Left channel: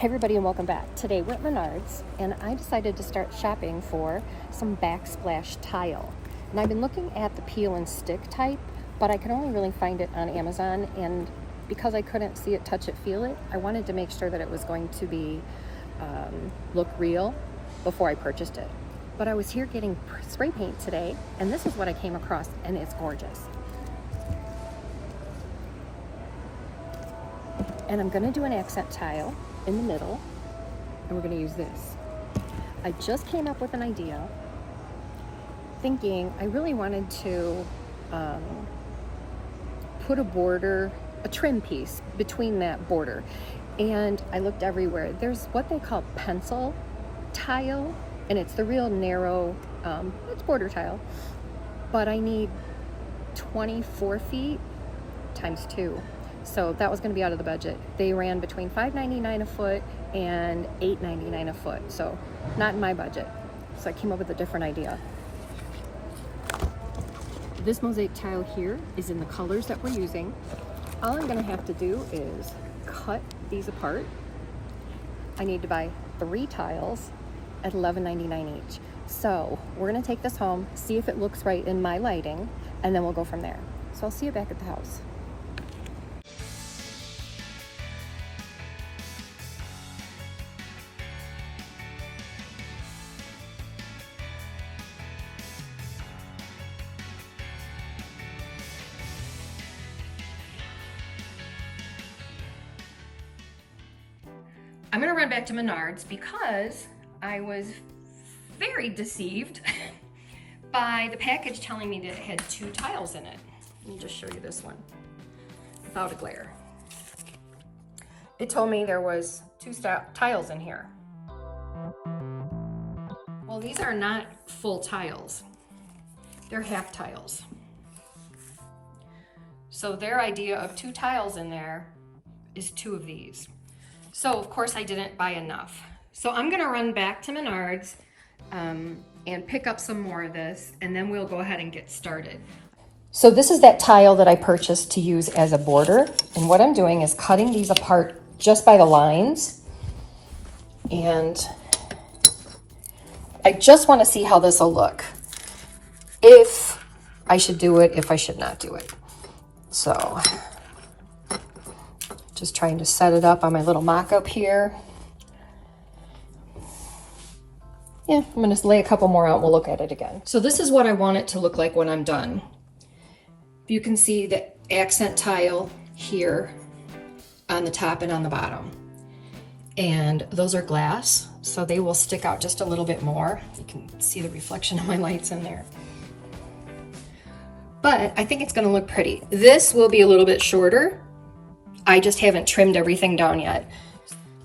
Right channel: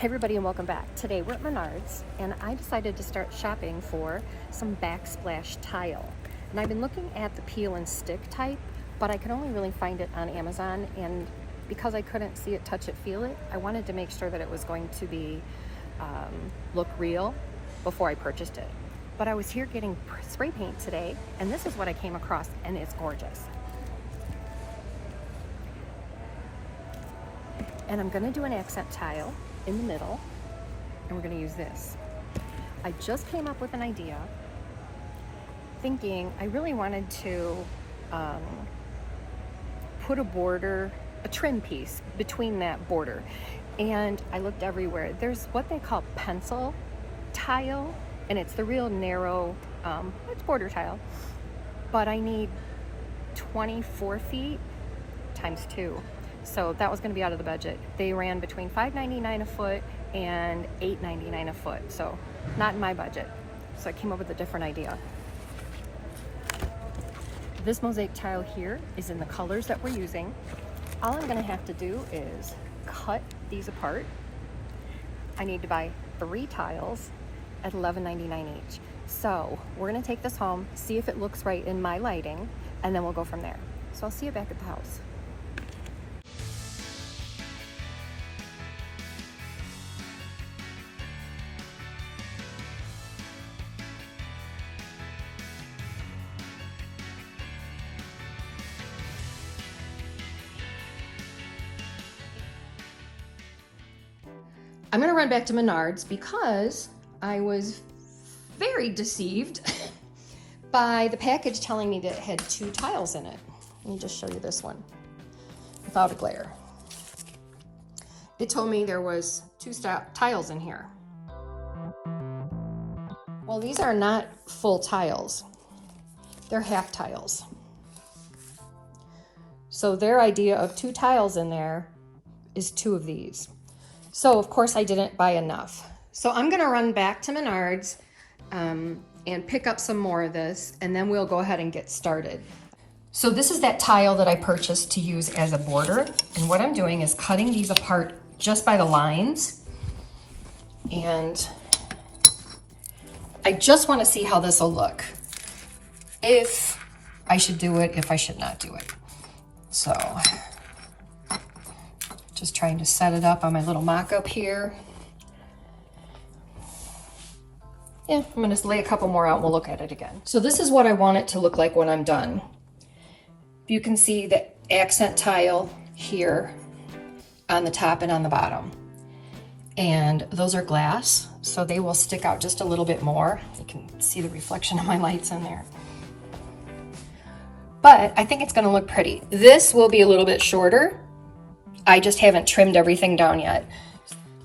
Hey everybody and welcome back. Today we're at Menards and I decided to start shopping for some backsplash tile. And I've been looking at the peel and stick type, but I could only really find it on Amazon, and because I couldn't see it, touch it, feel it, I wanted to make sure that it was going to be look real before I purchased it. But I was here getting spray paint today and this is what I came across, and it's gorgeous. And I'm gonna do an accent tile in the middle, and we're going to use this. I just came up with an idea, thinking I really wanted to put a border, a trim piece between that border, and I looked everywhere. There's what they call pencil tile, and it's the real narrow, it's border tile, but I need 24 feet times 2. So that was going to be out of the budget. They ran between $5.99 a foot and $8.99 a foot. So not in my budget. So I came up with a different idea. This mosaic tile here is in the colors that we're using. All I'm going to have to do is cut these apart. I need to buy 3 tiles at $11.99 each. So we're going to take this home, see if it looks right in my lighting, and then we'll go from there. So I'll see you back at the house. I'm gonna run back to Menards because I was very deceived by the package telling me that it had 2 tiles in it. Let me just show you this one without a glare. It told me there was 2 tiles in here. Well, these are not full tiles. They're half tiles. So their idea of 2 tiles in there is 2 of these. So of course I didn't buy enough. So I'm gonna run back to Menards and pick up some more of this, and then we'll go ahead and get started. So this is that tile that I purchased to use as a border. And what I'm doing is cutting these apart just by the lines. And I just wanna see how this will look. If I should do it, if I should not do it. So, just trying to set it up on my little mock-up here. Yeah, I'm gonna lay a couple more out and we'll look at it again. So this is what I want it to look like when I'm done. You can see the accent tile here on the top and on the bottom. And those are glass, so they will stick out just a little bit more. You can see the reflection of my lights in there. But I think it's gonna look pretty. This will be a little bit shorter. I just haven't trimmed everything down yet.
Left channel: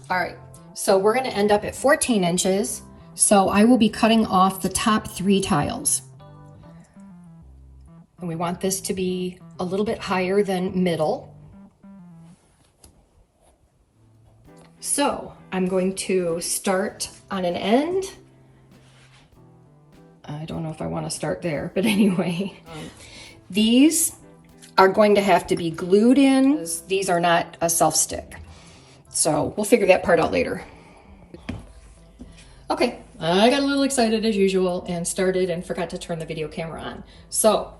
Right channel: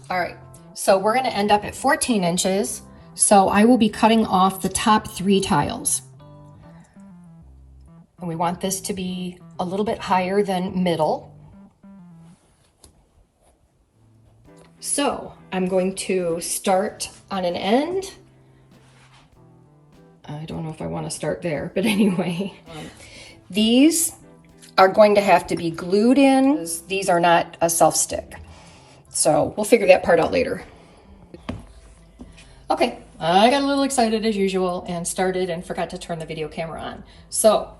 All right, so we're gonna end up at 14 inches. So I will be cutting off the top 3 tiles. And we want this to be a little bit higher than middle. So I'm going to start on an end. I don't know if I wanna start there, but anyway. These are going to have to be glued in. These are not a self-stick. So we'll figure that part out later. Okay, I got a little excited as usual and started and forgot to turn the video camera on. So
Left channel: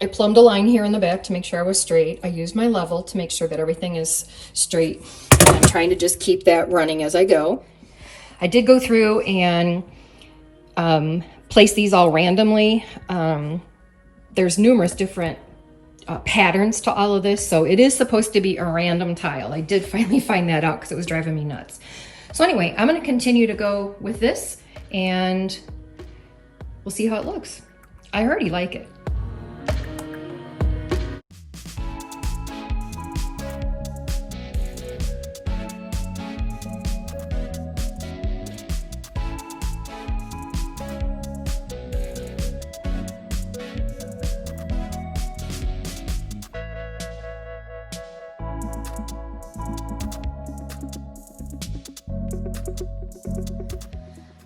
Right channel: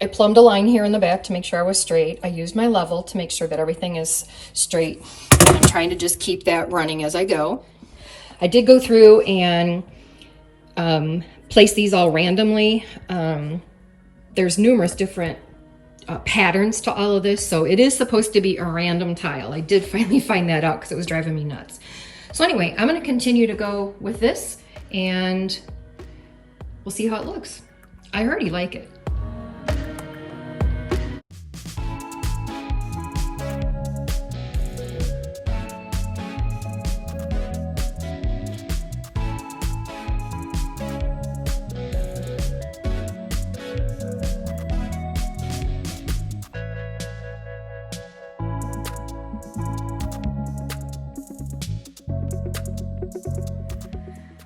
I plumbed a line here in the back to make sure I was straight. I used my level to make sure that everything is straight. I'm trying to just keep that running as I go. I did go through and place these all randomly. There's numerous different patterns to all of this, so it is supposed to be a random tile. I did finally find that out because it was driving me nuts. So anyway, I'm going to continue to go with this and we'll see how it looks. I already like it.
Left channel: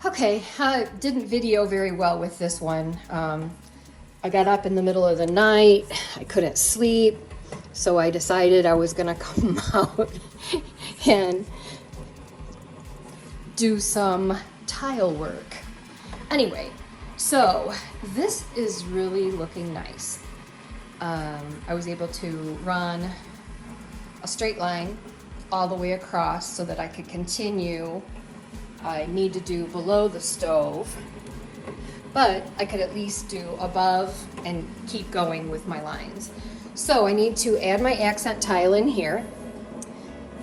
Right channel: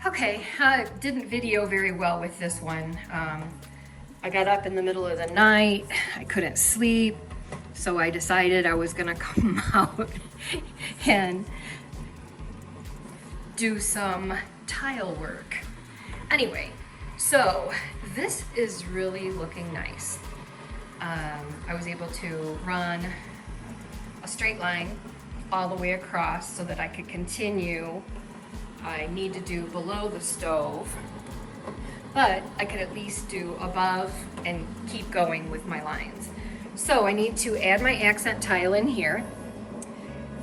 Okay, I didn't video very well with this one. I got up in the middle of the night, I couldn't sleep, so I decided I was gonna come out and do some tile work. Anyway, so this is really looking nice. I was able to run a straight line all the way across so that I could continue. I need to do below the stove, but I could at least do above and keep going with my lines. So I need to add my accent tile in here,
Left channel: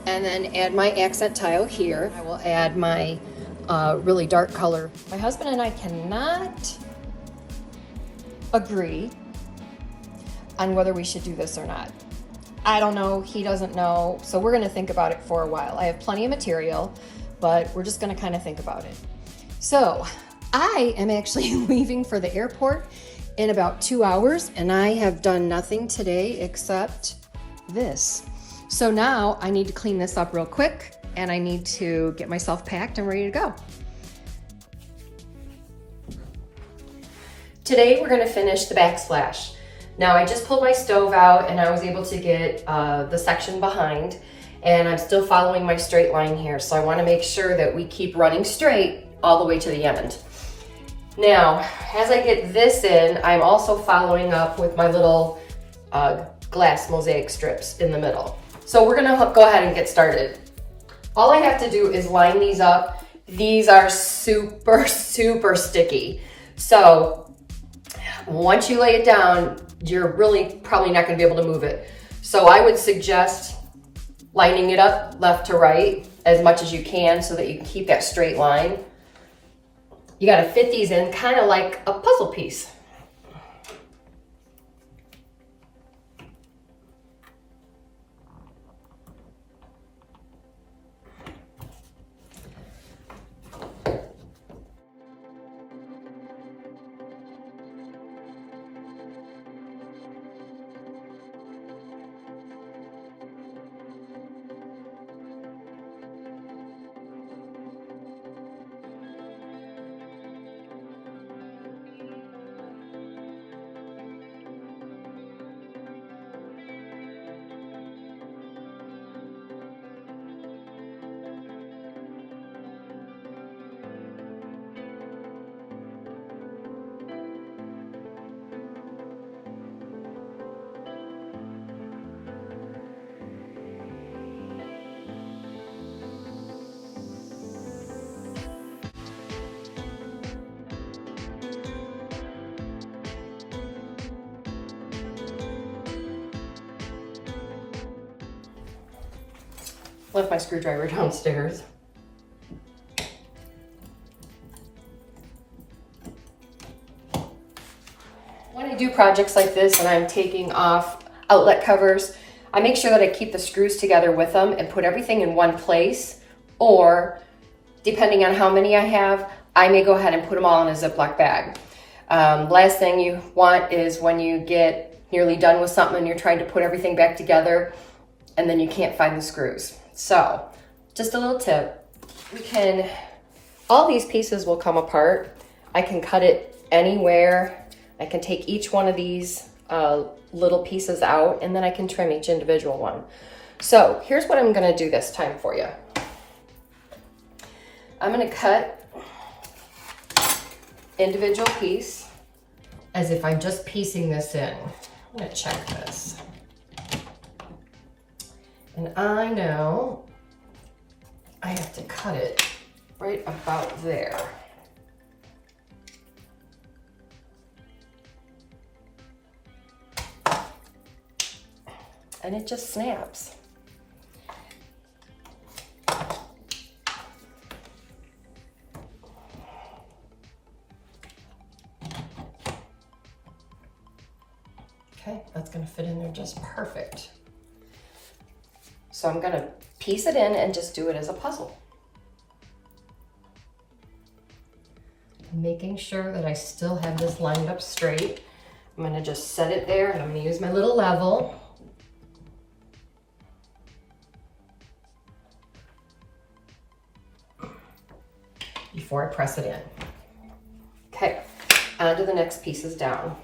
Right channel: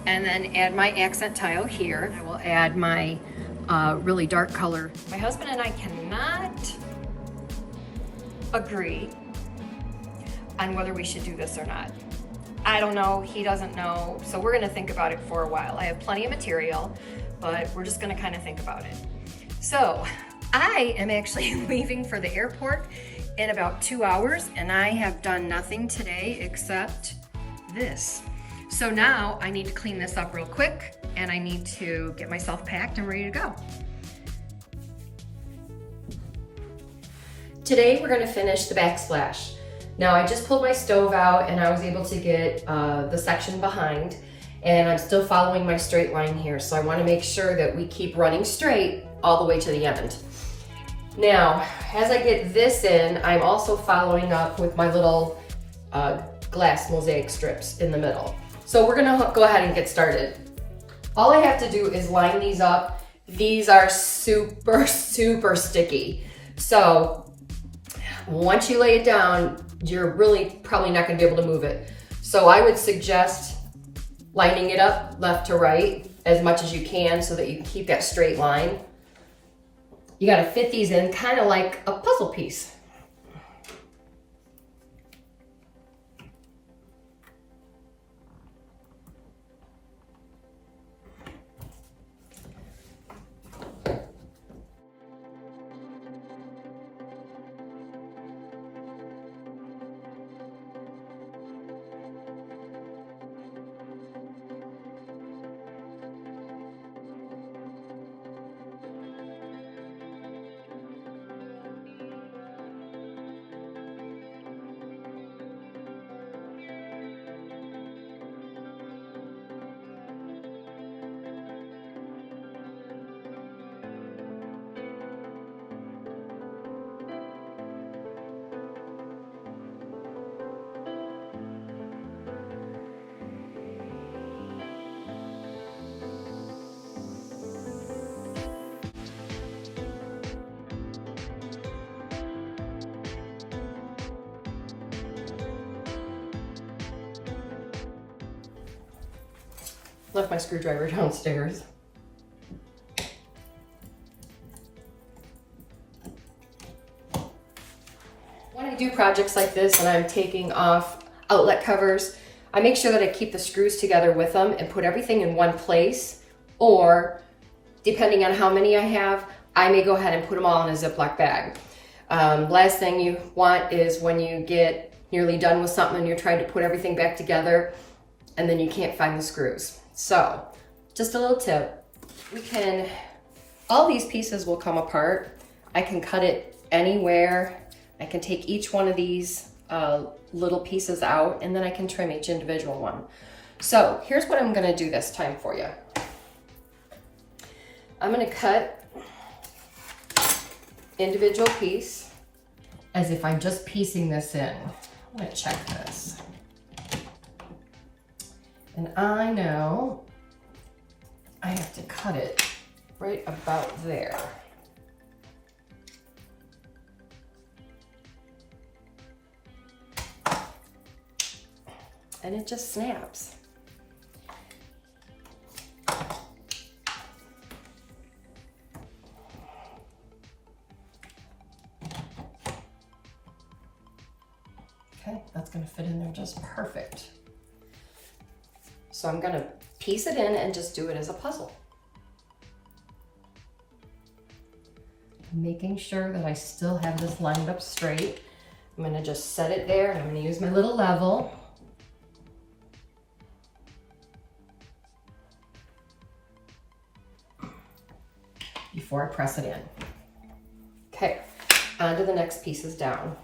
and then add my accent tile here. I will add my really dark color. My husband and I cannot agree on whether we should do this or not. I don't know, he doesn't know, so we're gonna think about it for a while. I have plenty of material, but we're just gonna kind of think about it. So I am actually leaving for the airport in about 2 hours, and I have done nothing today except this. So now I need to clean this up real quick, and I need to get myself packed and ready to go. Today we're gonna finish the backsplash. Now I just pulled my stove out and I was able to get the section behind, and I'm still following my straight line here. So I wanna make sure that we keep running straight all the way to the end. Now, as I get this in, I'm also following up with my little glass mosaic strips in the middle. So we're gonna go ahead and get started. All I have to do is line these up. These are super, super sticky. So once you lay it down, you're really probably not gonna be able to move it. So I would suggest lining it up left to right as much as you can so that you can keep that straight line. You gotta fit these in kind of like a puzzle piece. Left my screwdriver downstairs. When I do projects like this and I'm taking off outlet covers, I make sure that I keep the screws together with them and put everything in one place, or depending on how many I have, I may go ahead and put them all in a Ziploc bag. Last thing you want is when you get nearly done with something and you're trying to put everything back together and then you can't find the screws. So just a little tip, all these pieces will come apart. I can cut it anywhere. I can take each one of these little pieces out, and then I can trim each individual one. So here's what I'm gonna do this time for you. I'm gonna cut individual piece as if I'm just piecing this in. I'm gonna check this. And I know I have to cut it right about there. And it just snaps. Okay, that's gonna fit in there just perfect. So I'm gonna piece it in and just do it as a puzzle. Making sure that I still have this lined up straight. I'm gonna just set it there, and I'm gonna use my little level. Before I press it in. Okay, on to the next pieces down.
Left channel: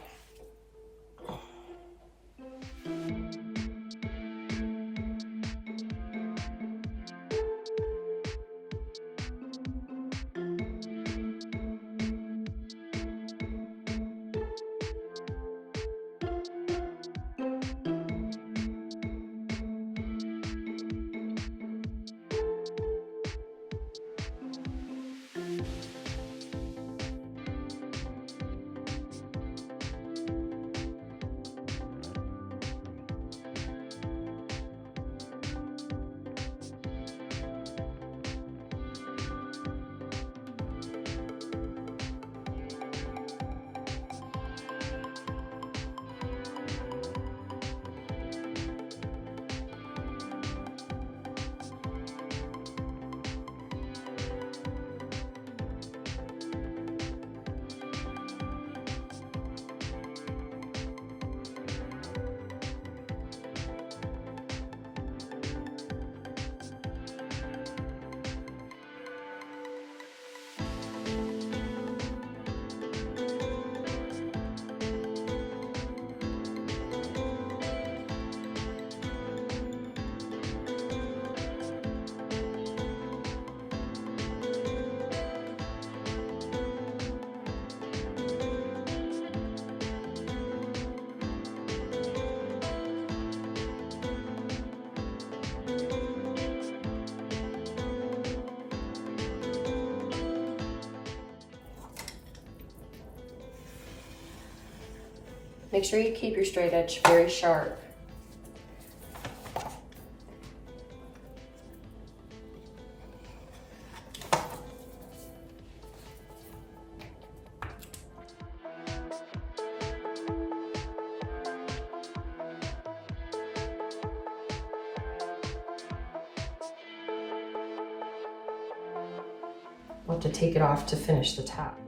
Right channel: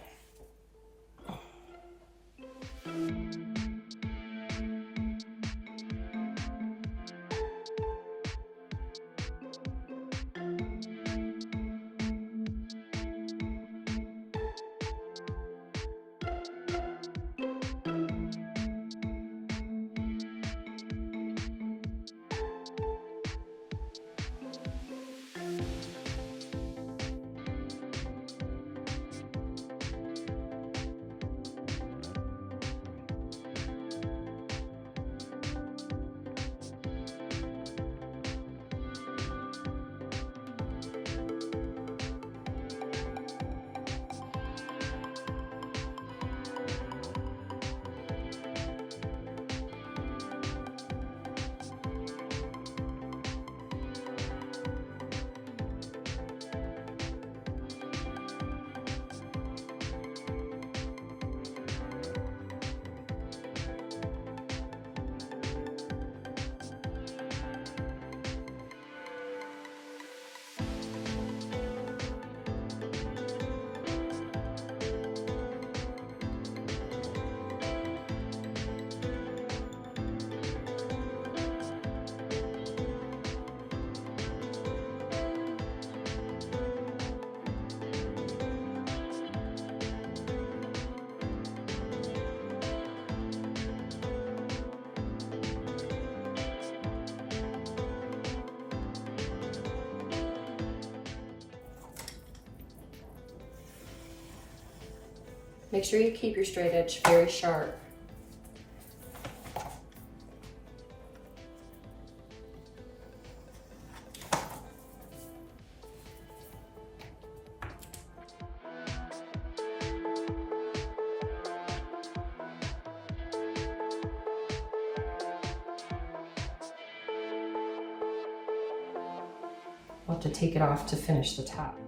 Make sure you keep your straight edge very sharp. I'll have to take it off to finish the top.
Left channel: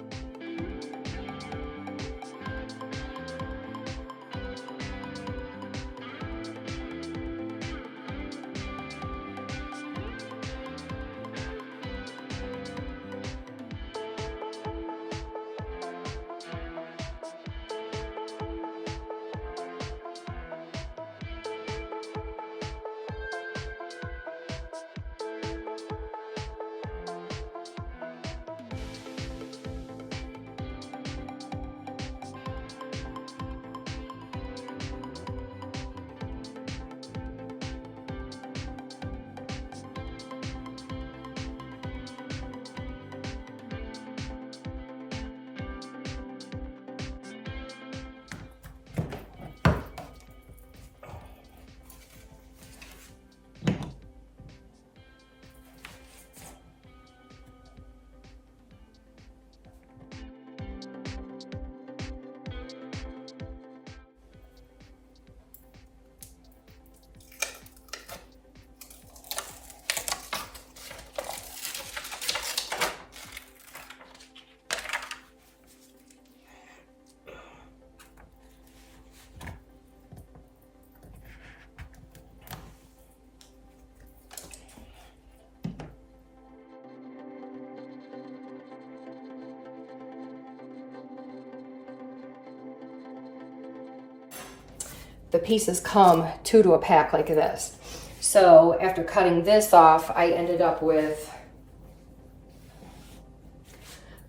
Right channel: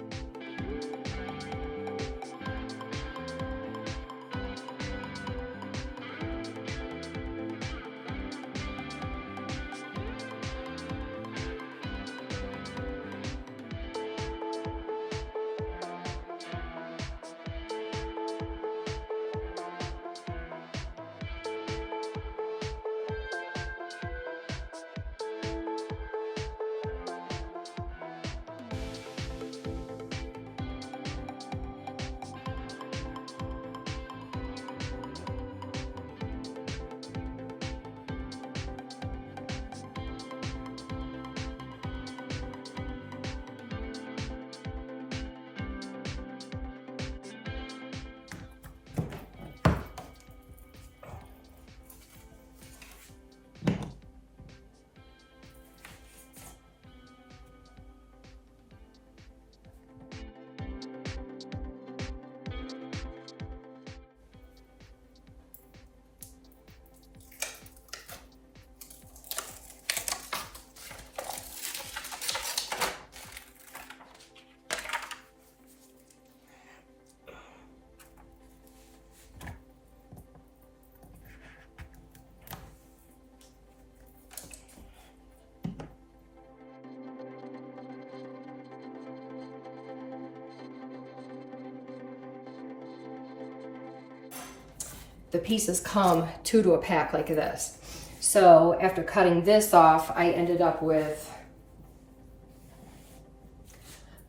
The pieces come two to a pack like this. So after cutting this off, I ended up with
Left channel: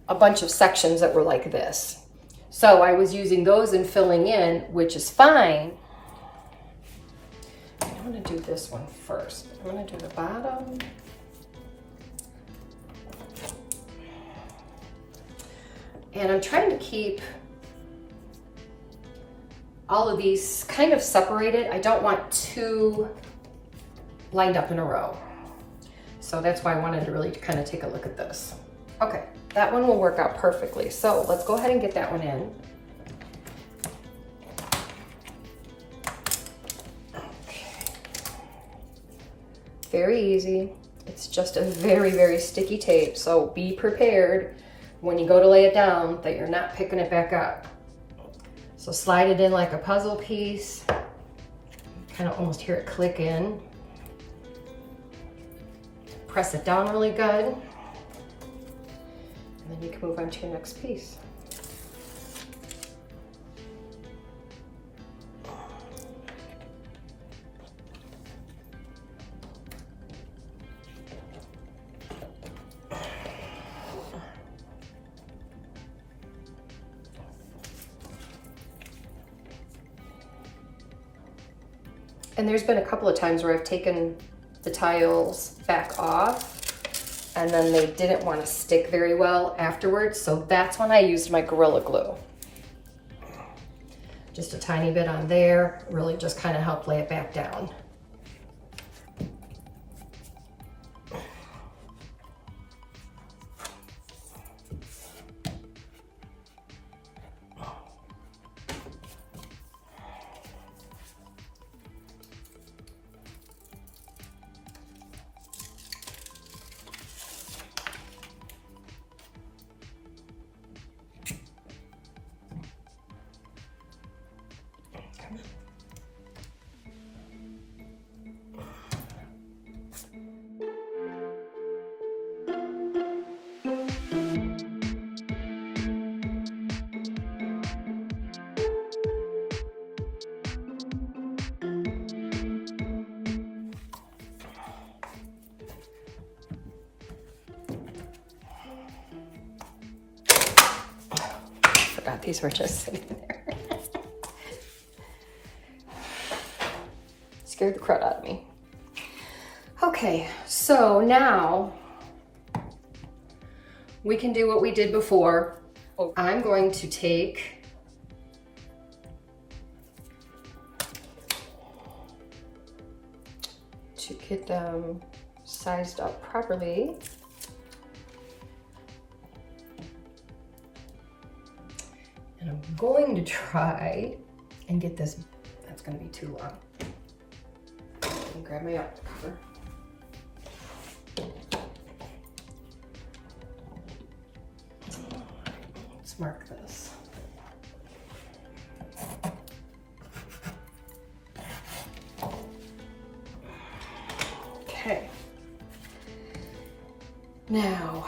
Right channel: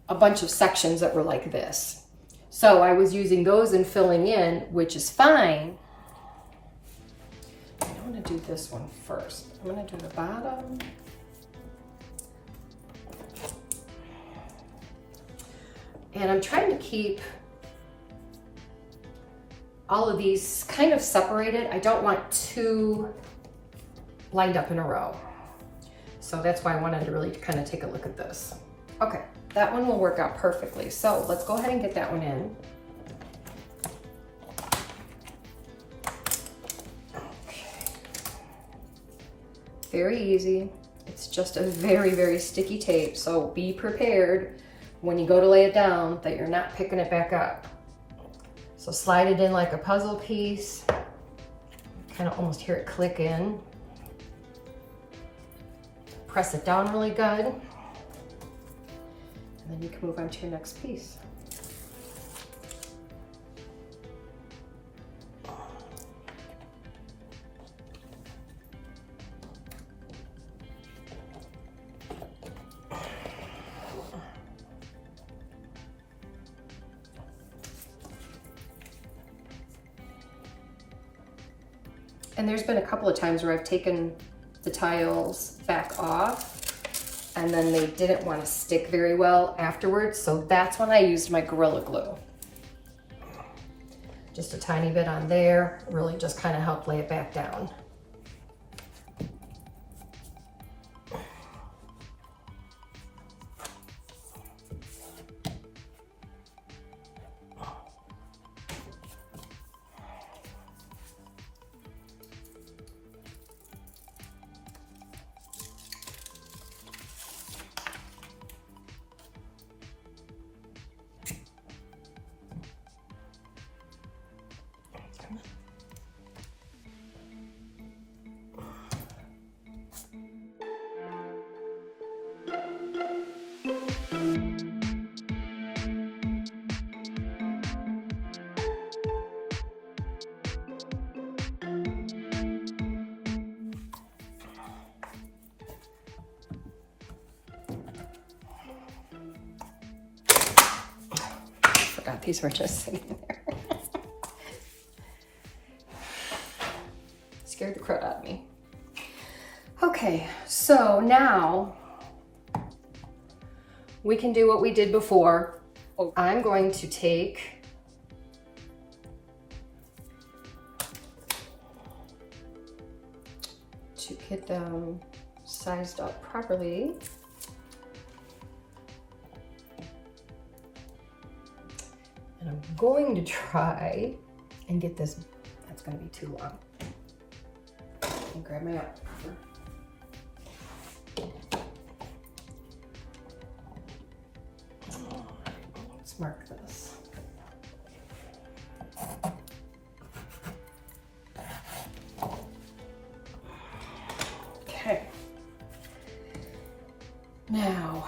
a bunch of sections that were like this. So I was using those and filling in, which is fine. I want to do this one first. I'm going to do the bottom. And I'm trying to keep all of these kind of separated. I don't want two lined up in a row. So that's why I wanted to really kind of take a look at this. Okay, that one will work out perfectly. So let's go ahead and get that one in. Okay. Very easy. It's just a very, very sticky tape. So be prepared when you go to lay it down that you're not picking it back up. So slide it in like a puzzle piece. Kind of almost hear it click in. Press it down really good. And then you can move on to your next piece. And there's been a couple of times where I've taken the tiles back off and then they didn't want to stick very well afterwards. So that's when I used my Gorilla Glue. Just a tiny bit on there, really just kind of help lay it back down. Forgot these were just sitting there. Scared the crud out of me. Okay, so now we can do what we did before. I'm going to take get them sized up properly. And I'm going to try and get this, that's gonna be too long. I'll grab my out cover. Let's mark this. Okay. Now,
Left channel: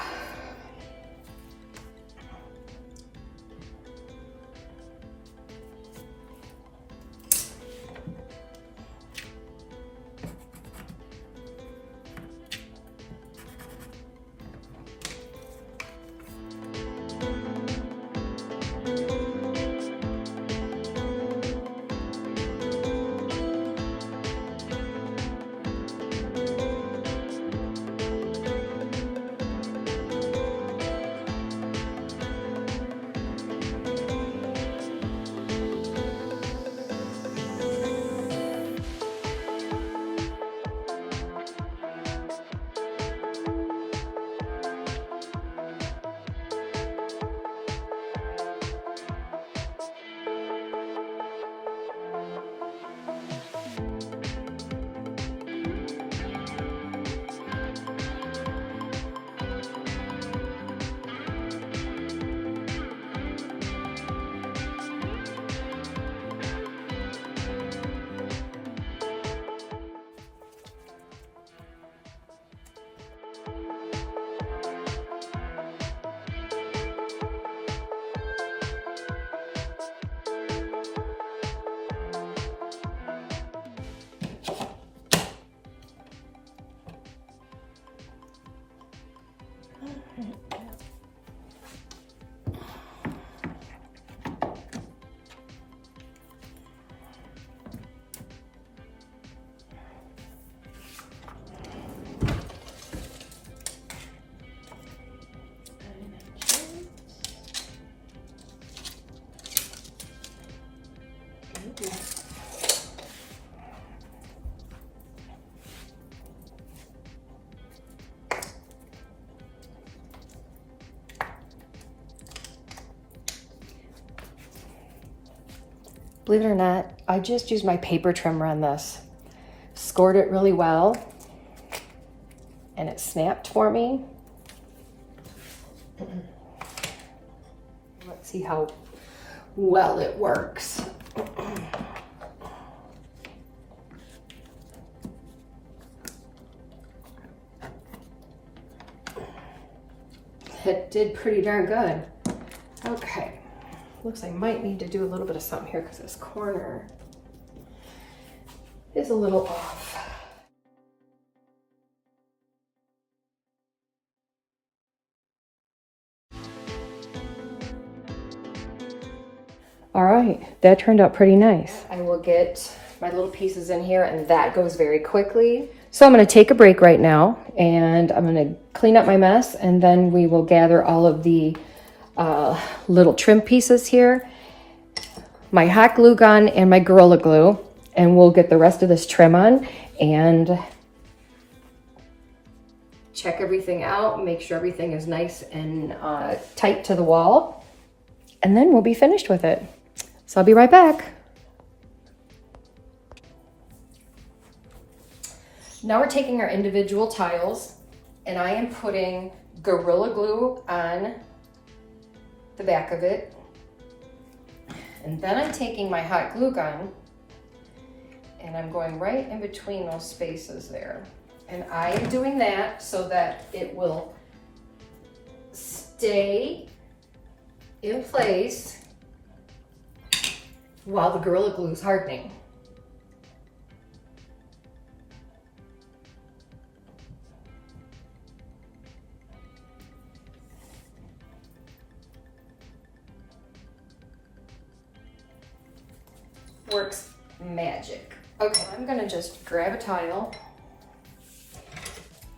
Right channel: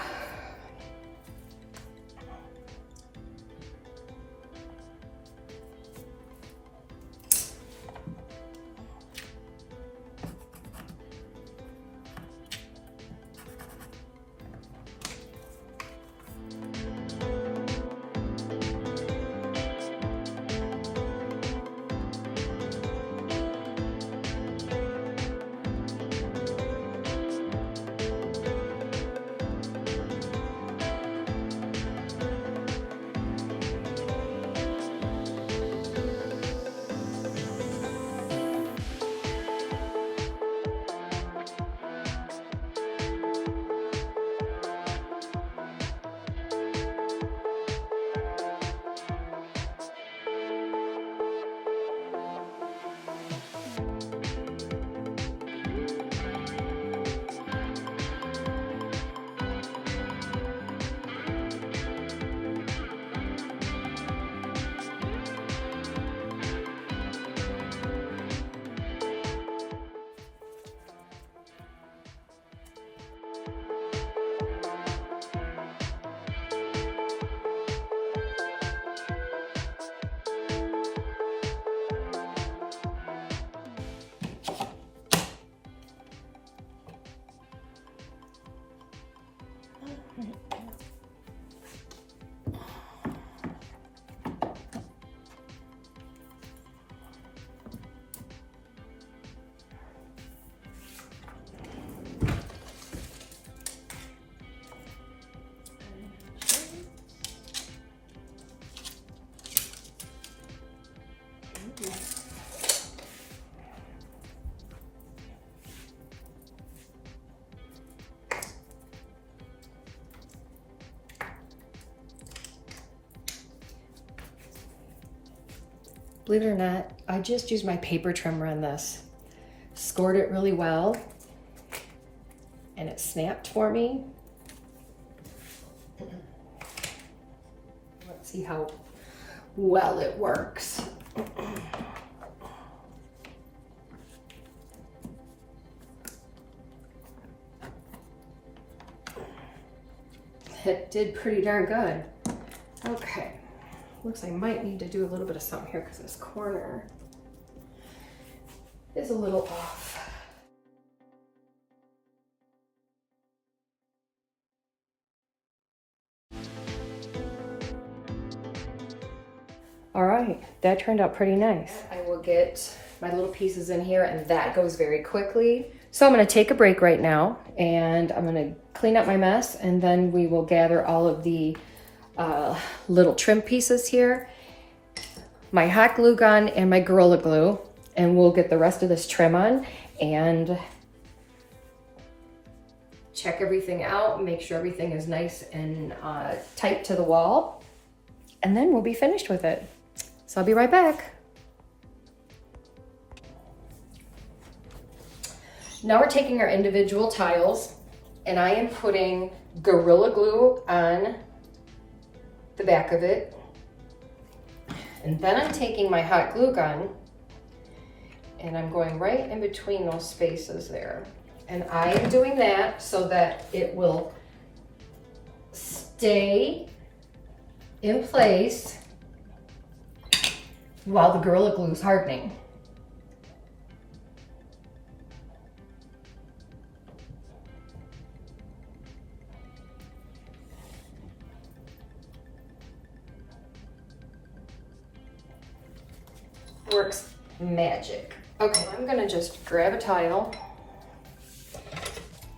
believe it or not, I just used my paper trimmer on this. Scored it really well, and it snapped for me. Let's see how well it works. It did pretty darn good. Okay, looks like I might need to do a little bit of something here because this corner is a little off. All right, that turned out pretty nice. I will get my little pieces in here, and that goes very quickly. So I'm gonna take a break right now, and I'm gonna clean up my mess, and then we will gather all of the little trim pieces here, my hot glue gun and my Gorilla Glue, and we'll get the rest of this trim on and check everything out, make sure everything is nice and tight to the wall, and then we'll be finished with it. So I'll be right back. Now we're taking our individual tiles, and I am putting Gorilla Glue on the back of it. And then I'm taking my hot glue gun and I'm going right in between those spaces there. And I am doing that so that it will stay in place while the Gorilla Glue is hardening. Works magic. Okay, I'm gonna just grab a tile.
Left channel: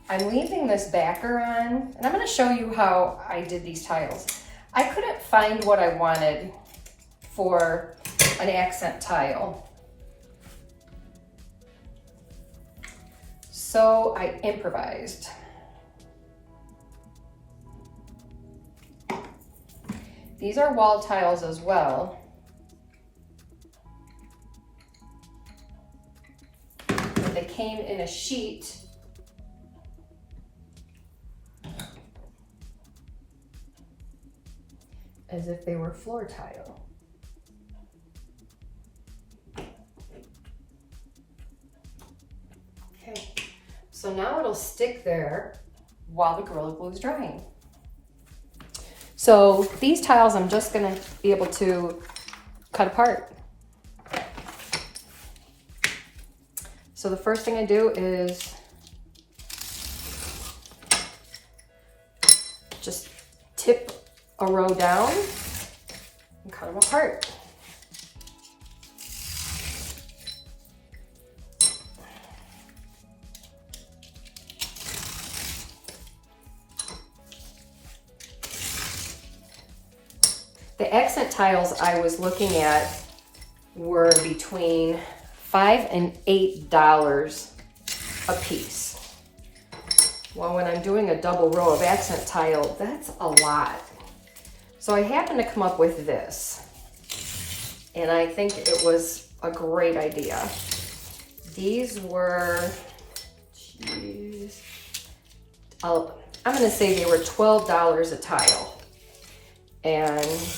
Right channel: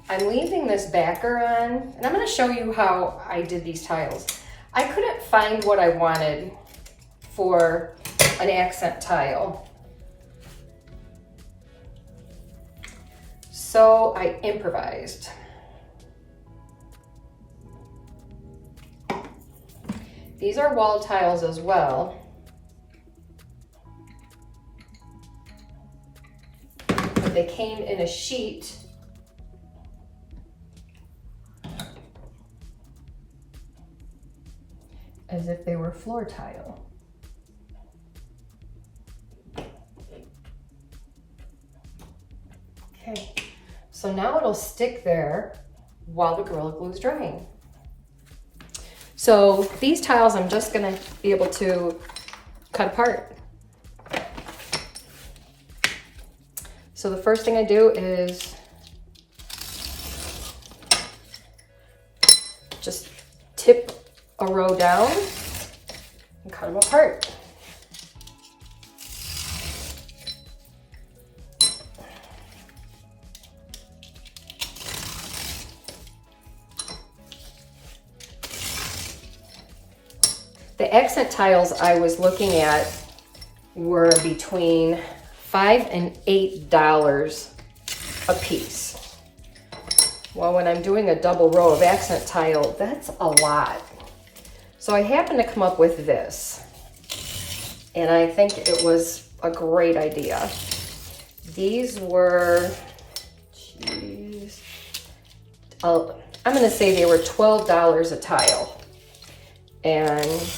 I'm leaving this backer on, and I'm gonna show you how I did these tiles. I couldn't find what I wanted for an accent tile. So I improvised. These are wall tiles as well. But they came in a sheet. As if they were floor tile. Okay, so now it'll stick there while the Gorilla Glue is drying. So these tiles I'm just gonna be able to cut apart. So the first thing I do is just tip a row down and cut them apart. The accent tiles I was looking at were between $5 and $8 a piece. Well, when I'm doing a double row of accent tile, that's a lot. So I happened to come up with this, and I think it was a great idea. These were, geez, I'm gonna say they were $12 a tile. And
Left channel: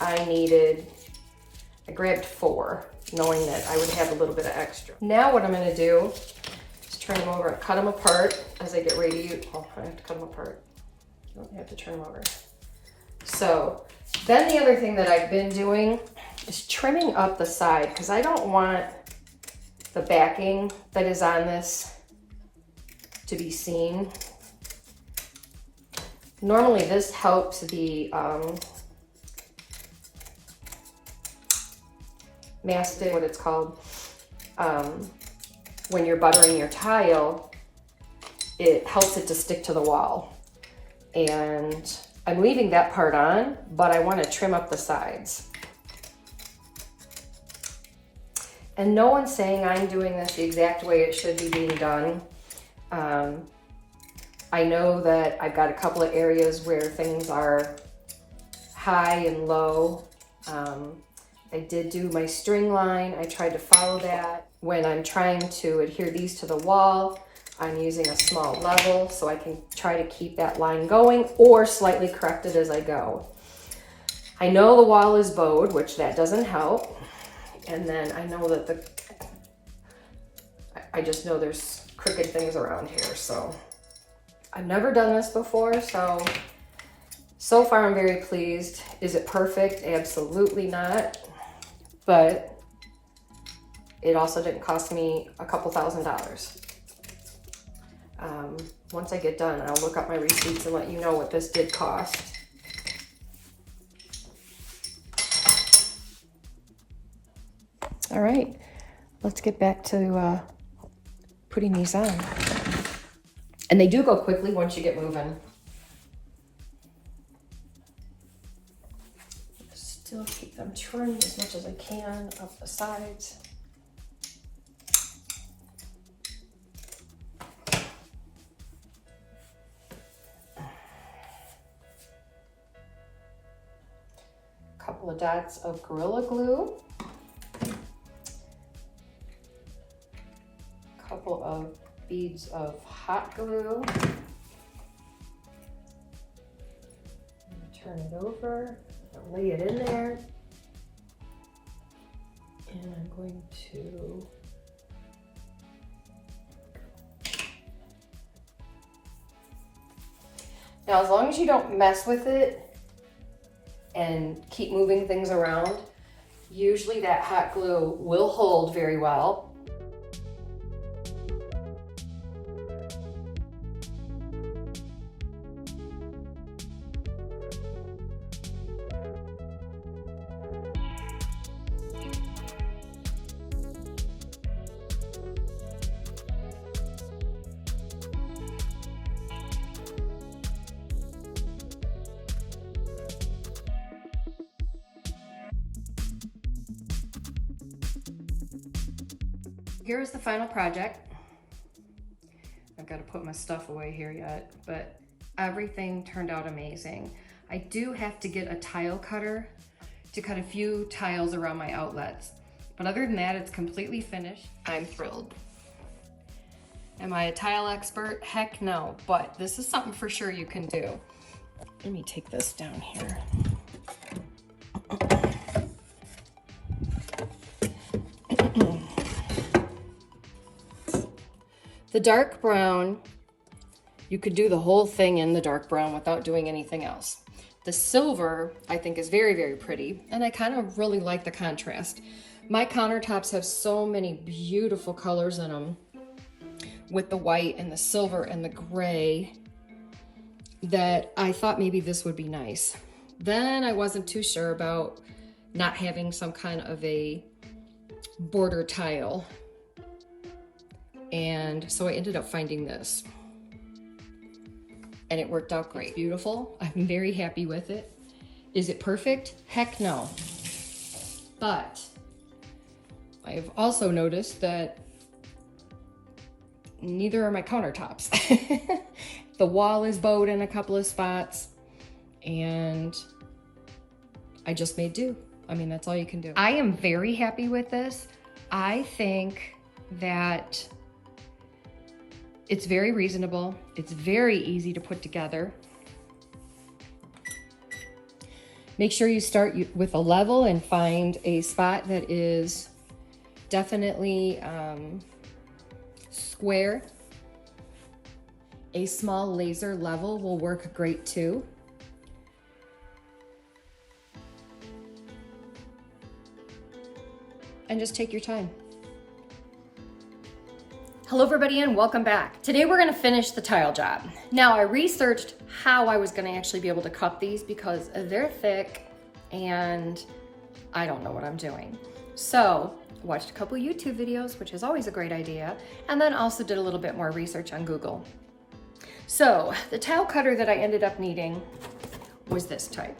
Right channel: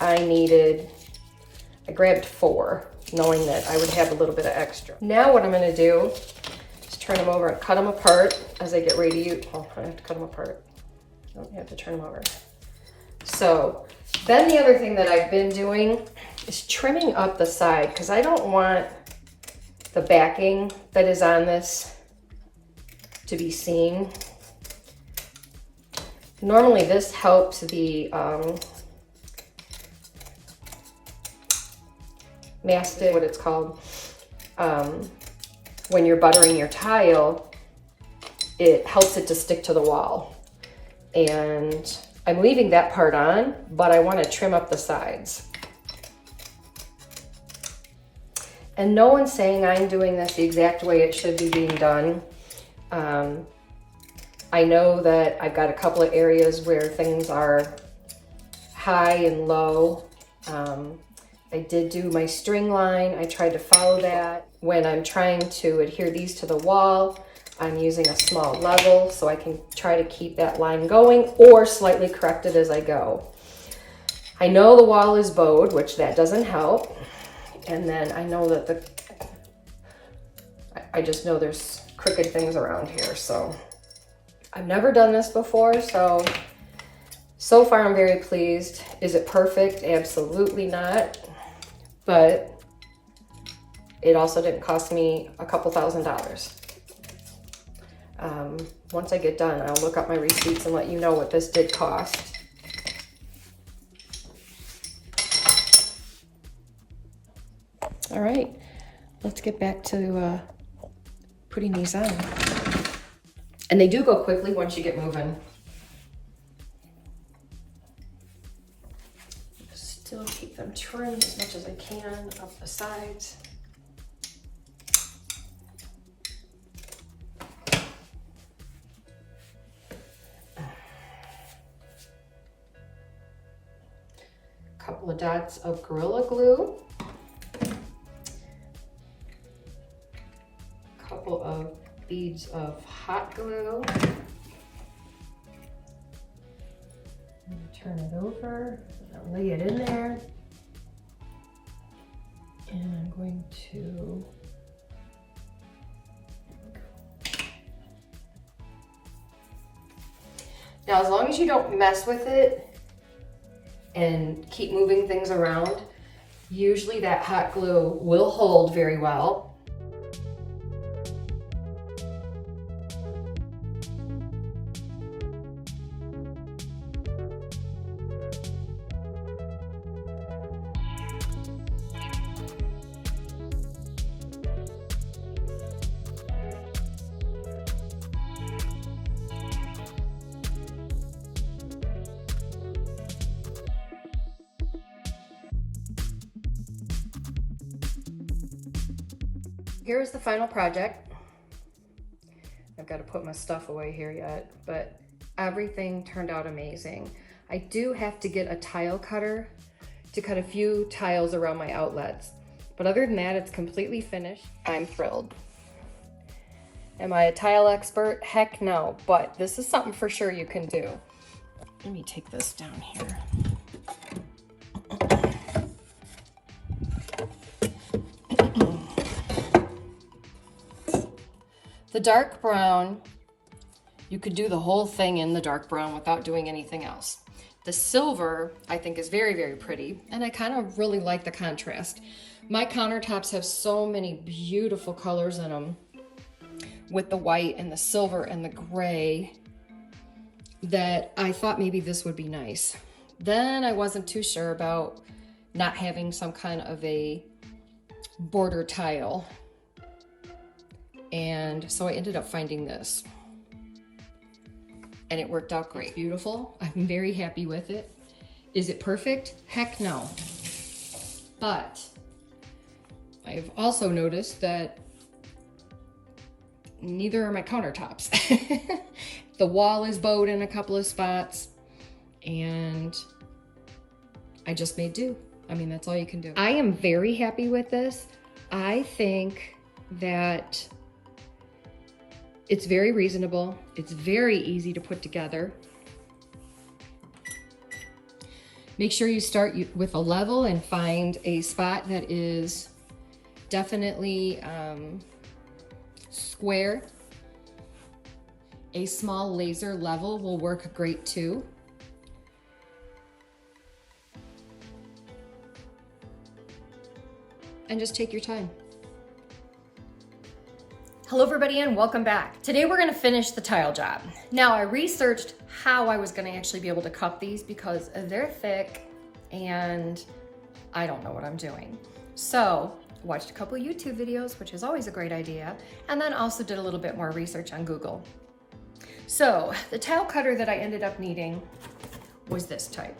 I grabbed 4, knowing that I would have a little bit of extra. Now what I'm gonna do is turn them over and cut them apart as I get ready to use. Oh, I have to cut them apart. I don't have to turn them over. So then the other thing that I've been doing is trimming up the side, because I don't want the backing that is on this to be seen. Normally this helps the mastic, what it's called, when you're buttering your tile, it helps it to stick to the wall. And I'm leaving that part on, but I want to trim up the sides. And no one's saying I'm doing this the exact way it should be being done. I know that I've got a couple of areas where things are high and low. I did do my string line. I tried to follow that. When I'm trying to adhere these to the wall, I'm using a small level so I can try to keep that line going or slightly correct it as I go. I know the wall is bowed, which that doesn't help. And then I know that I just know there's crooked things around here. So I've never done this before, so far I'm very pleased. Is it perfect? Absolutely not. But it also didn't cost me a couple $1,000s. Once I get done, I'll look up my receipts and let you know what this did cost. All right, let's get back to putting these on. And they do go quickly once you get moving. Still keep them trimmed as much as I can up the sides. Couple of dots of Gorilla Glue. Couple of beads of hot glue. Turn it over, I'll lay it in there. And I'm going to now, as long as you don't mess with it and keep moving things around, usually that hot glue will hold very well. Here's the final project. got to put my stuff away here yet, but everything turned out amazing. I do have to get a tile cutter to cut a few tiles around my outlets. But other than that, it's completely finished. I'm thrilled. Am I a tile expert? Heck no, but this is something for sure you can do. Let me take this down here. The dark brown, you could do the whole thing in the dark brown without doing anything else. The silver, I think, is very, very pretty, and I kind of really like the contrast. My countertops have so many beautiful colors in them with the white and the silver and the gray that I thought maybe this would be nice. Then I wasn't too sure about not having some kind of a border tile. And so I ended up finding this. And it worked out great. It's beautiful. I'm very happy with it. Is it perfect? Heck no. But I've also noticed that neither are my countertops. The wall is bowed in a couple of spots, and I just made do. I mean, that's all you can do. I am very happy with this. I think that it's very reasonable. It's very easy to put together. Make sure you start with a level and find a spot that is definitely square. A small laser level will work great too. And just take your time. Hello everybody and welcome back. Today we're gonna finish the tile job. Now I researched how I was gonna actually be able to cut these because they're thick and I don't know what I'm doing. So watched a couple YouTube videos, which is always a great idea, and then also did a little bit more research on Google. So the tile cutter that I ended up needing was this type,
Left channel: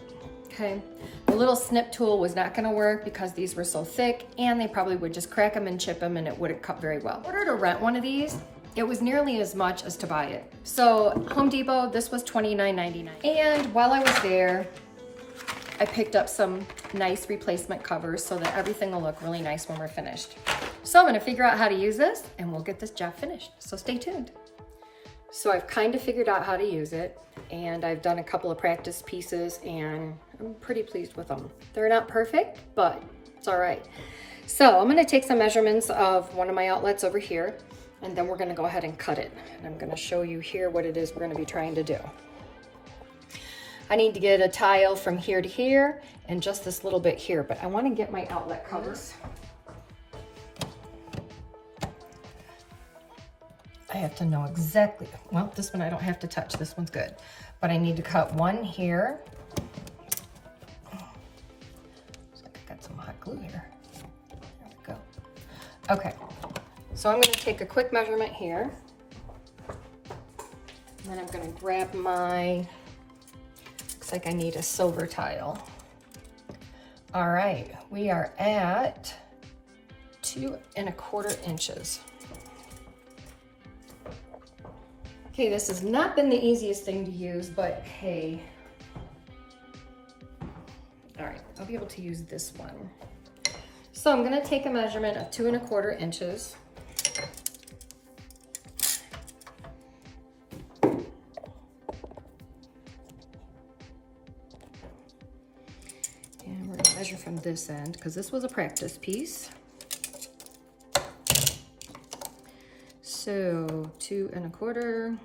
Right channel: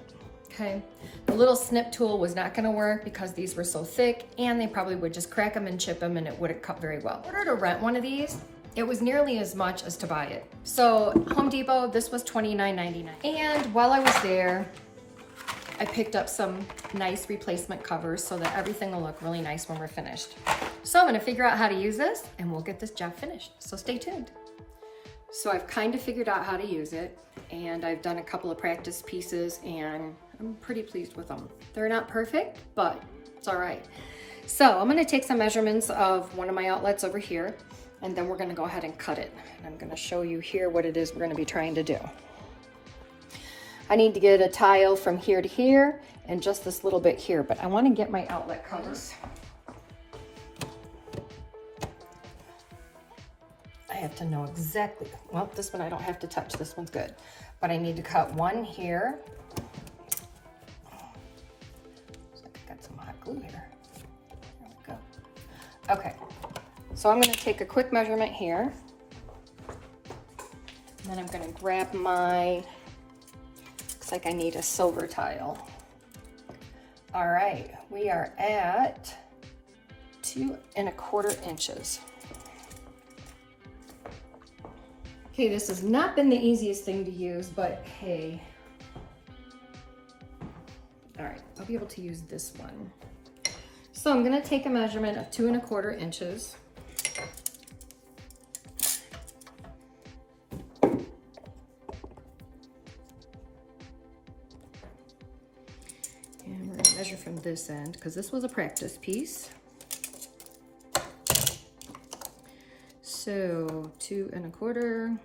okay? The little snip tool was not gonna work because these were so thick and they probably would just crack them and chip them and it wouldn't cut very well. In order to rent one of these, it was nearly as much as to buy it. So Home Depot, this was $29.99. And while I was there, I picked up some nice replacement covers so that everything will look really nice when we're finished. So I'm gonna figure out how to use this and we'll get this job finished. So stay tuned. So I've kind of figured out how to use it and I've done a couple of practice pieces and I'm pretty pleased with them. They're not perfect, but it's all right. So I'm gonna take some measurements of one of my outlets over here and then we're gonna go ahead and cut it. And I'm gonna show you here what it is we're gonna be trying to do. I need to get a tile from here to here and just this little bit here, but I wanna get my outlet colors. I have to know exactly, well, this one I don't have to touch, this one's good. But I need to cut one here. Looks like I got some hot glue here. There we go. Okay, so I'm gonna take a quick measurement here. And then I'm gonna grab my, looks like I need a silver tile. All right, we are at 2 1/4 inches. Okay, this has not been the easiest thing to use, but hey. All right, I'll be able to use this one. So I'm gonna take a measurement of 2 1/4 inches. And we're gonna measure from this end, because this was a practice piece. So 2 1/4.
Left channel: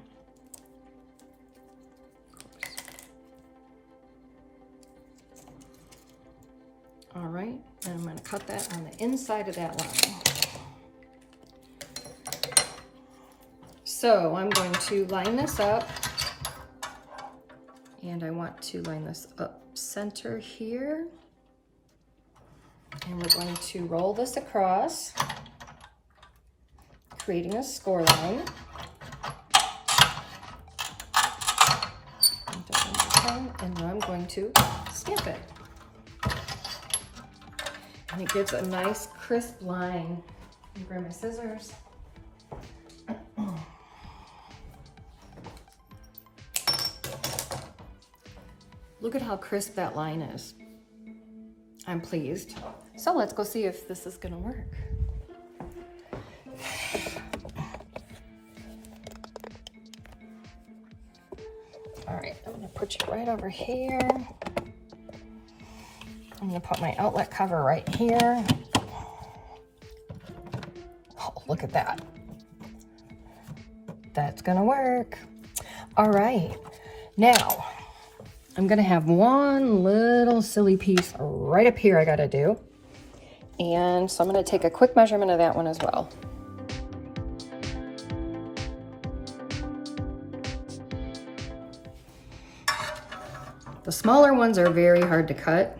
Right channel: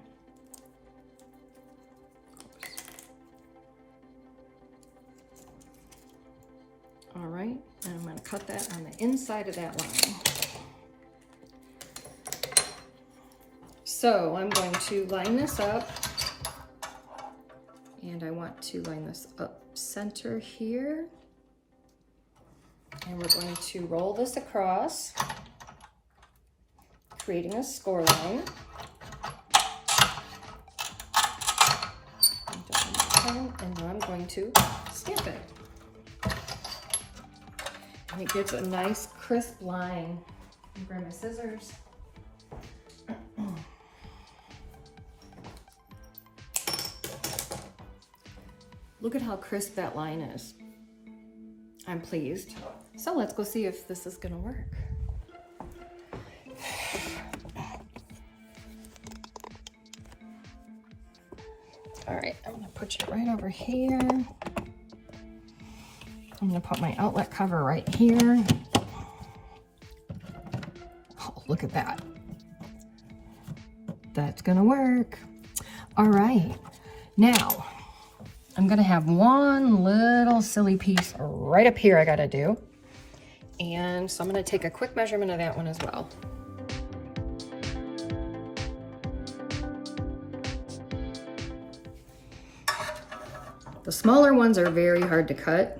All right, and I'm gonna cut that on the inside of that line. So I'm going to line this up, and I want to line this up center here. And we're going to roll this across, creating a score line. And now I'm going to stamp it. And it gives a nice crisp line. Grab my scissors. Look at how crisp that line is. I'm pleased. So let's go see if this is gonna work. All right, I'm gonna put you right over here. I'm gonna put my outlet cover right here. Oh, look at that. That's gonna work. All right, now I'm gonna have one little silly piece right up here I gotta do. And so I'm gonna take a quick measurement of that one as well. The smaller ones are very hard to cut.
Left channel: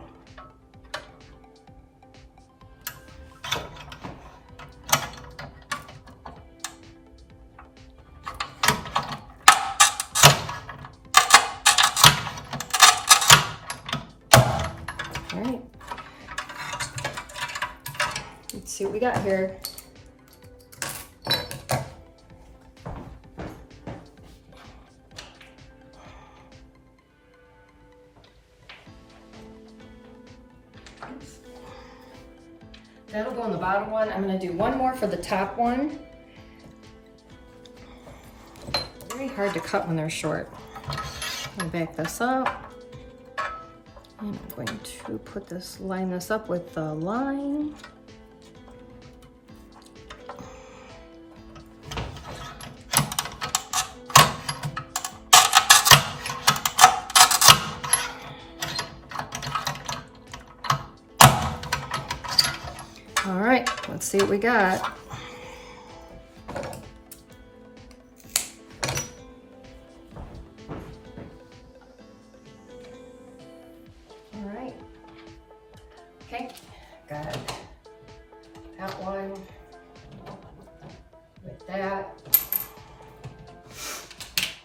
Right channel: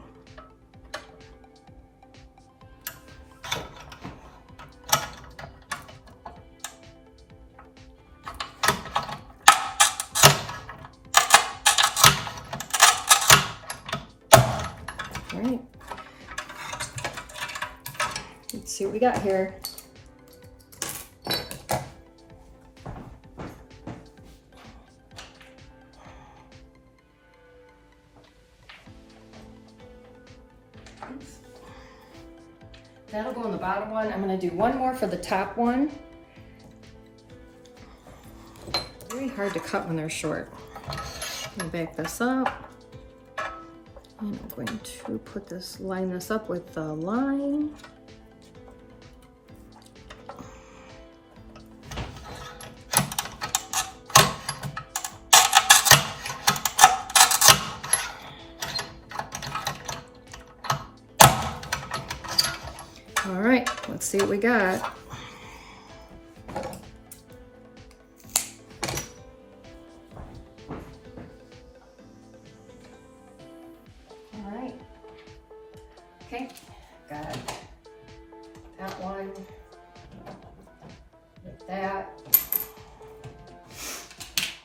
All right, let's see what we got here. That'll go on the bottom one. I'm gonna do one more for the top one. Very hard to cut when they're short. I'm gonna back this up. And I'm going to put this, line this up with the line. All right, let's see what we got. All right, okay, got that one with that.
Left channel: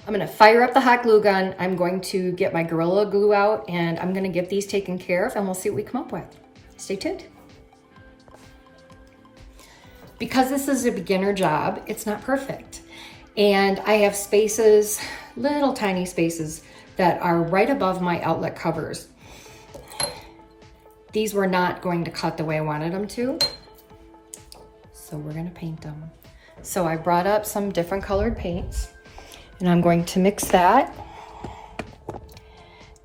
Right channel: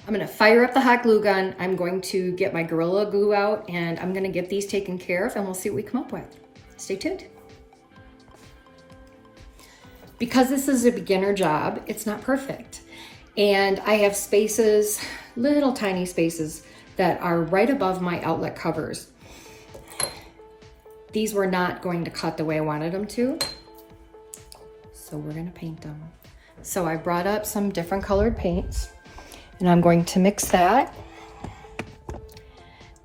I'm gonna fire up the hot glue gun. I'm going to get my Gorilla Glue out and I'm gonna get these taken care of and we'll see what we come up with. Stay tuned. Because this is a beginner job, it's not perfect. And I have spaces, little tiny spaces that are right above my outlet covers. These were not going to cut the way I wanted them to. So we're gonna paint them. So I brought up some different colored paints and I'm going to mix that.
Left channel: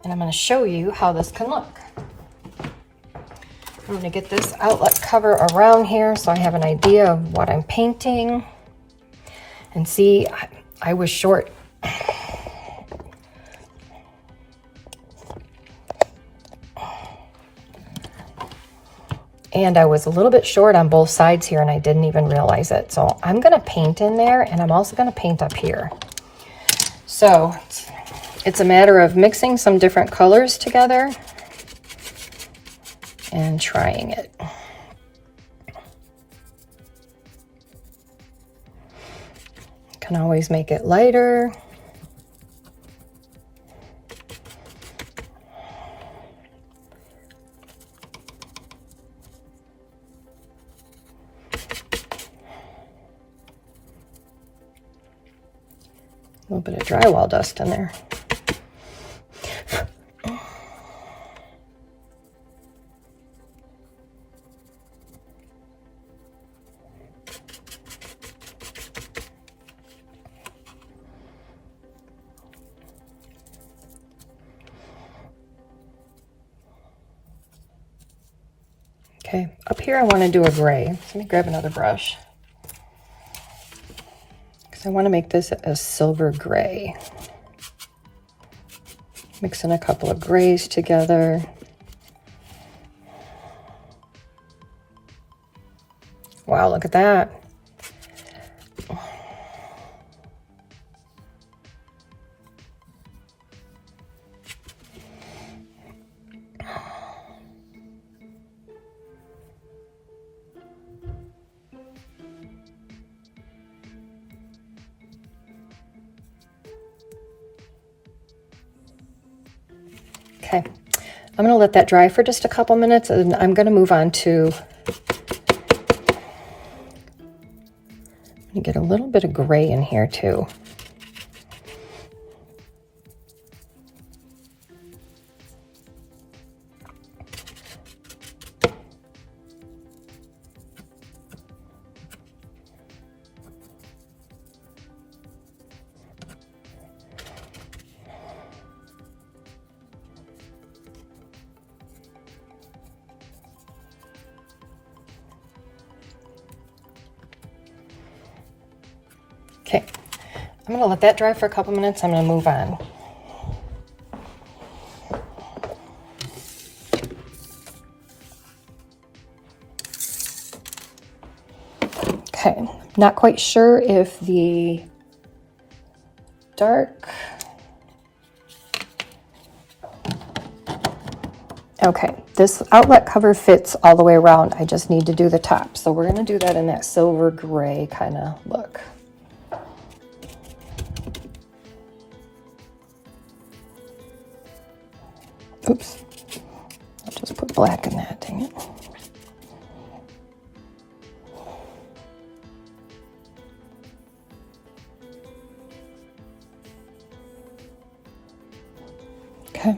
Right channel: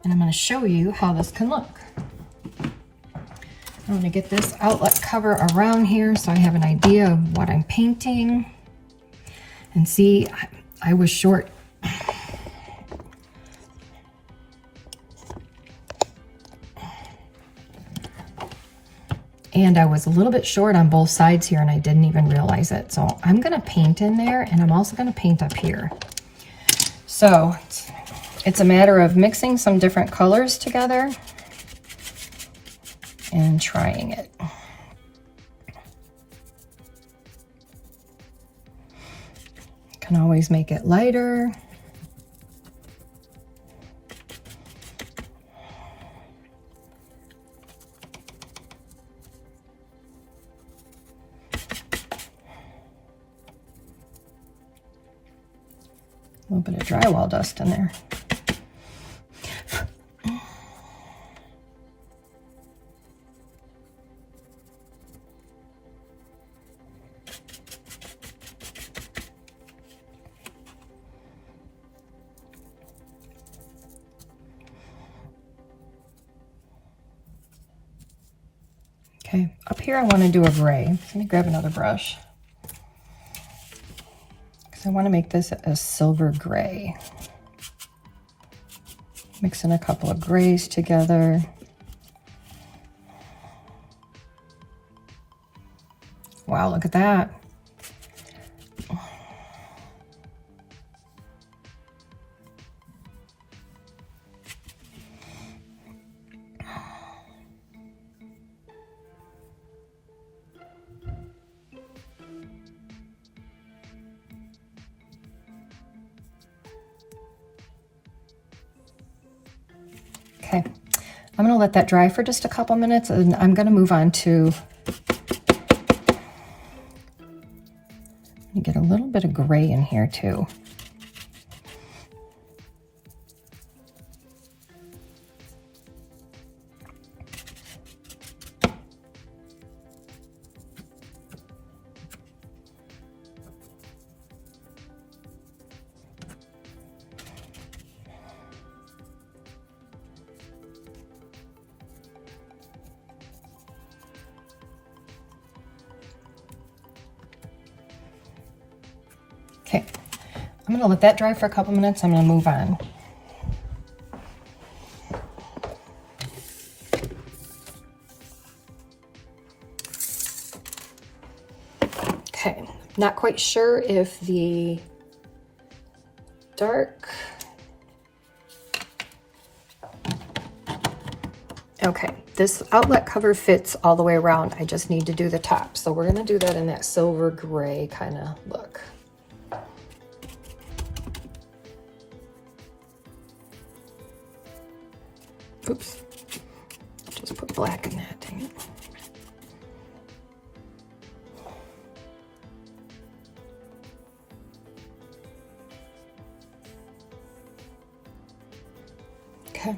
And I'm gonna show you how this can look. I'm gonna get this outlet cover around here so I have an idea of what I'm painting. And see, I was short. And I was a little bit short on both sides here and I didn't even realize it. So I'm gonna paint in there and I'm also gonna paint up here. So it's a matter of mixing some different colors together and trying it. Can always make it lighter. A little bit of drywall dust in there. Okay, up here I want to do a gray. Let me grab another brush. Because I want to make this a silver gray. Mixing a couple of grays together. Wow, look at that. Okay, I'm gonna let that dry for just a couple minutes and I'm gonna move on to, get a little bit of gray in here too. Okay, I'm gonna let that dry for a couple minutes. I'm gonna move on. Okay, not quite sure if the dark, okay, this outlet cover fits all the way around. I just need to do the top. So we're gonna do that in that silver gray kind of look. Oops, I'll just put black in that, dang it. Okay.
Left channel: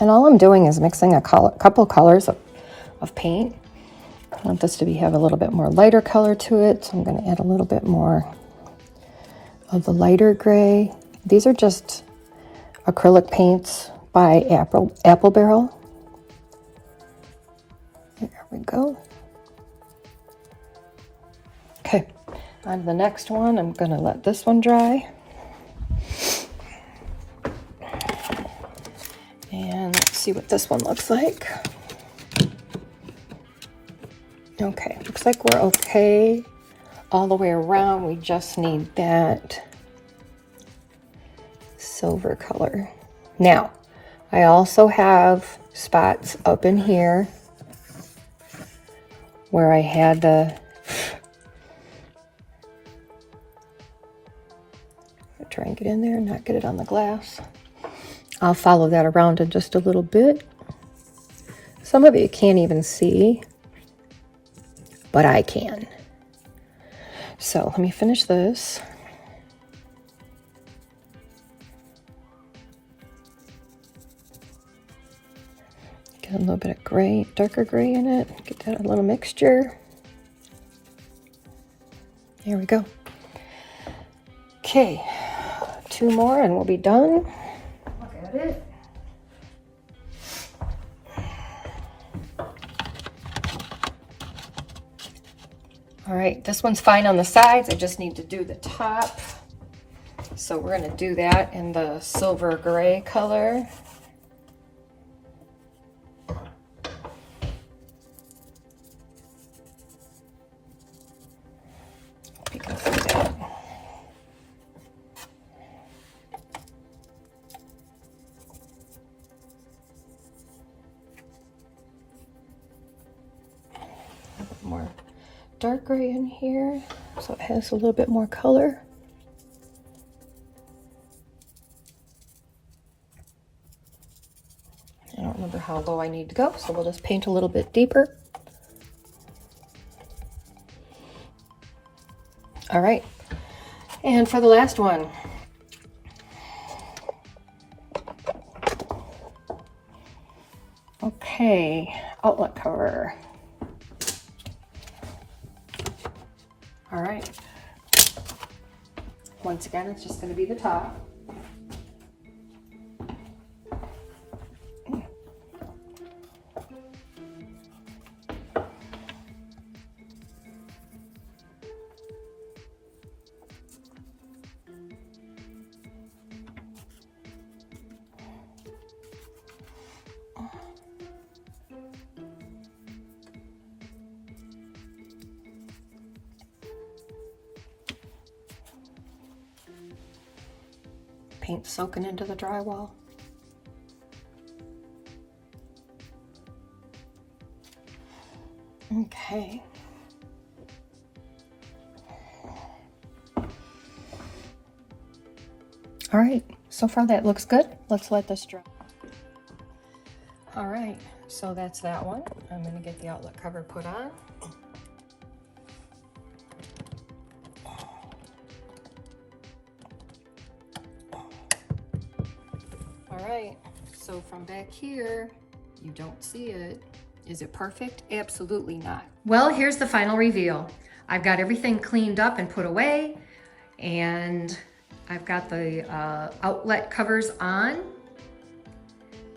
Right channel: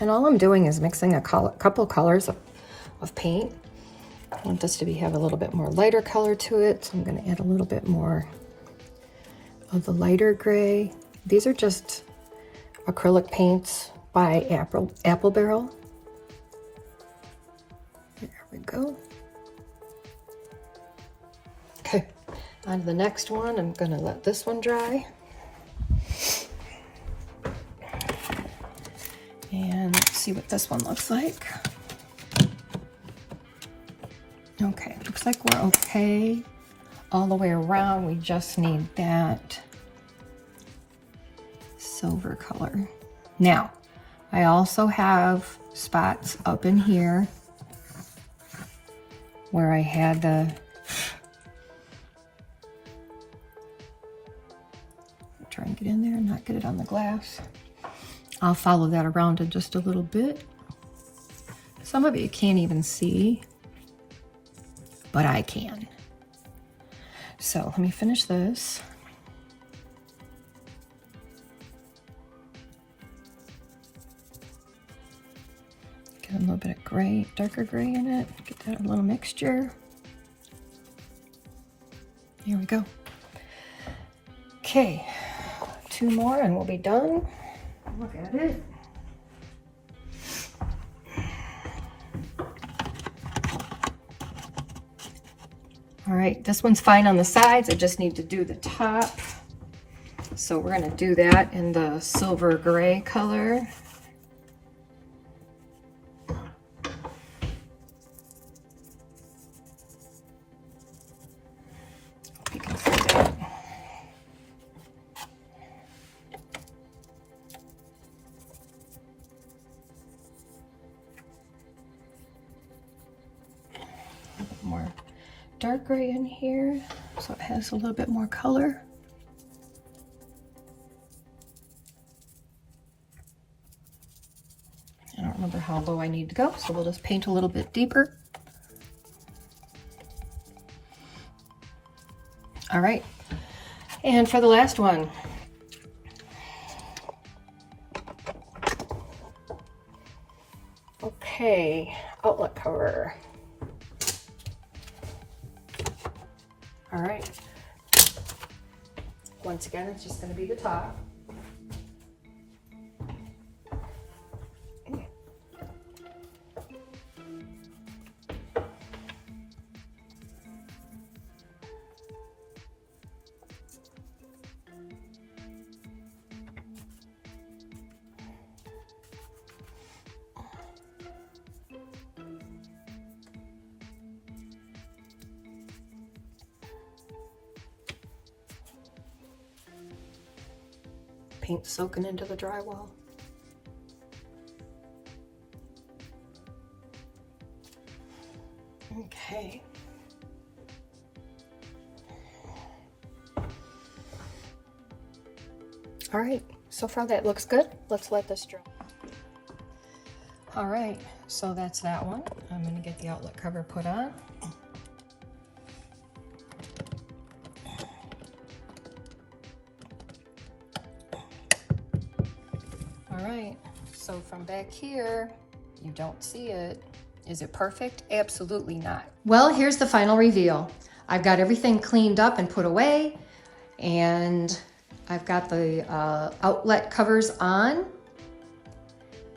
And all I'm doing is mixing a couple colors of paint. I want this to have a little bit more lighter color to it, so I'm going to add a little bit more of the lighter gray. These are just acrylic paints by Apple Barrel. There we go. Okay, on to the next one. I'm going to let this one dry. And let's see what this one looks like. Okay, looks like we're okay all the way around. We just need that silver color. Now, I also have spots up in here where I had the try and get in there and not get it on the glass. I'll follow that around in just a little bit. Some of it you can't even see, but I can. So let me finish this. Get a little bit of gray, darker gray in it. Get that a little mixture. There we go. Okay, 2 more and we'll be done. Look at it. All right, this one's fine on the sides. I just need to do the top. So we're gonna do that in the silver gray color. You can see that. A bit more dark gray in here, so it has a little bit more color. I don't remember how low I need to go, so we'll just paint a little bit deeper. All right, and for the last one, okay, outlet cover. All right, once again, it's just going to be the top. Paint soaking into the drywall. Okay. All right, so far that looks good. Let's let this dry. All right, so that's that one. I'm gonna get the outlet cover put on. All right, so from back here, you don't see it. Is it perfect? Absolutely not. Well, here's the final reveal. I've got everything cleaned up and put away, and I've got the outlet covers on,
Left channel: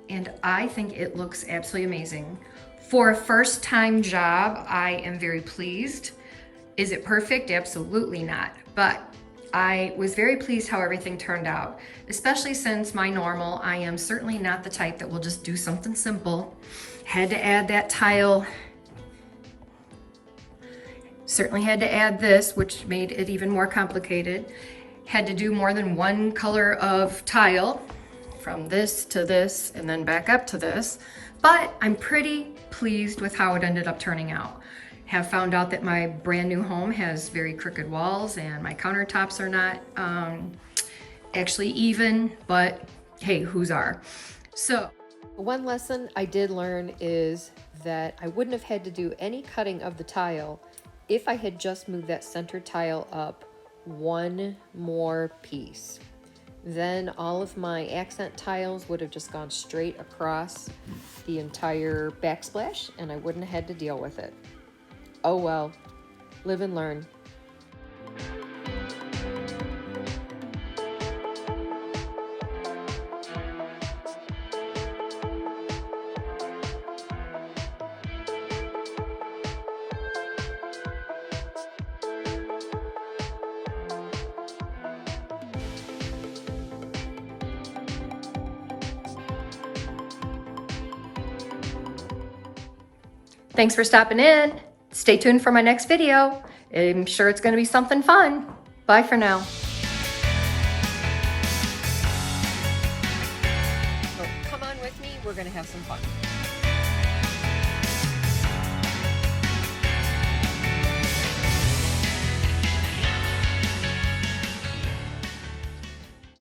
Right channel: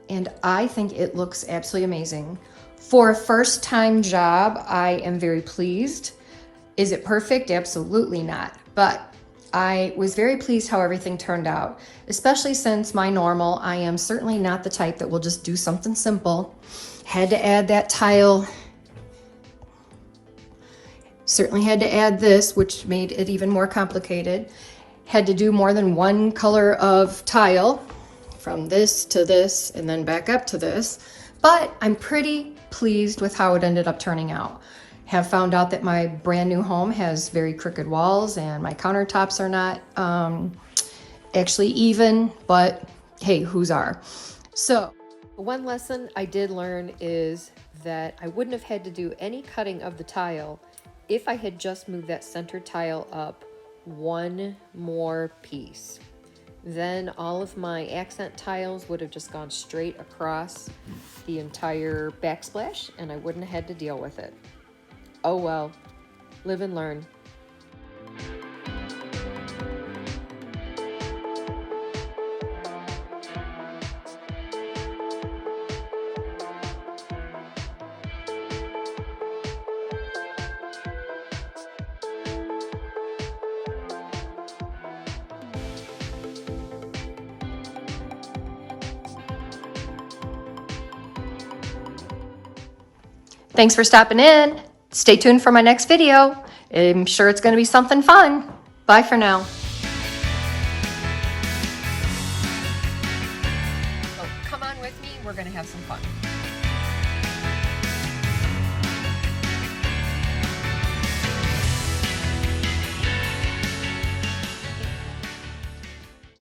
and I think it looks absolutely amazing. For a first-time job, I am very pleased. Is it perfect? Absolutely not. But I was very pleased how everything turned out, especially since my normal, I am certainly not the type that will just do something simple. Had to add that tile. Certainly had to add this, which made it even more complicated. Had to do more than one color of tile, from this to this and then back up to this. But I'm pretty pleased with how it ended up turning out. Have found out that my brand new home has very crooked walls and my countertops are not actually even, but hey, whose are? So one lesson I did learn is that I wouldn't have had to do any cutting of the tile if I had just moved that center tile up one more piece. Then all of my accent tiles would have just gone straight across the entire backsplash and I wouldn't have had to deal with it. Oh well, live and learn. Thanks for stopping in. Stay tuned for my next video. I'm sure it's going to be something fun. Bye for now. So come on with me. We're going to have some fun.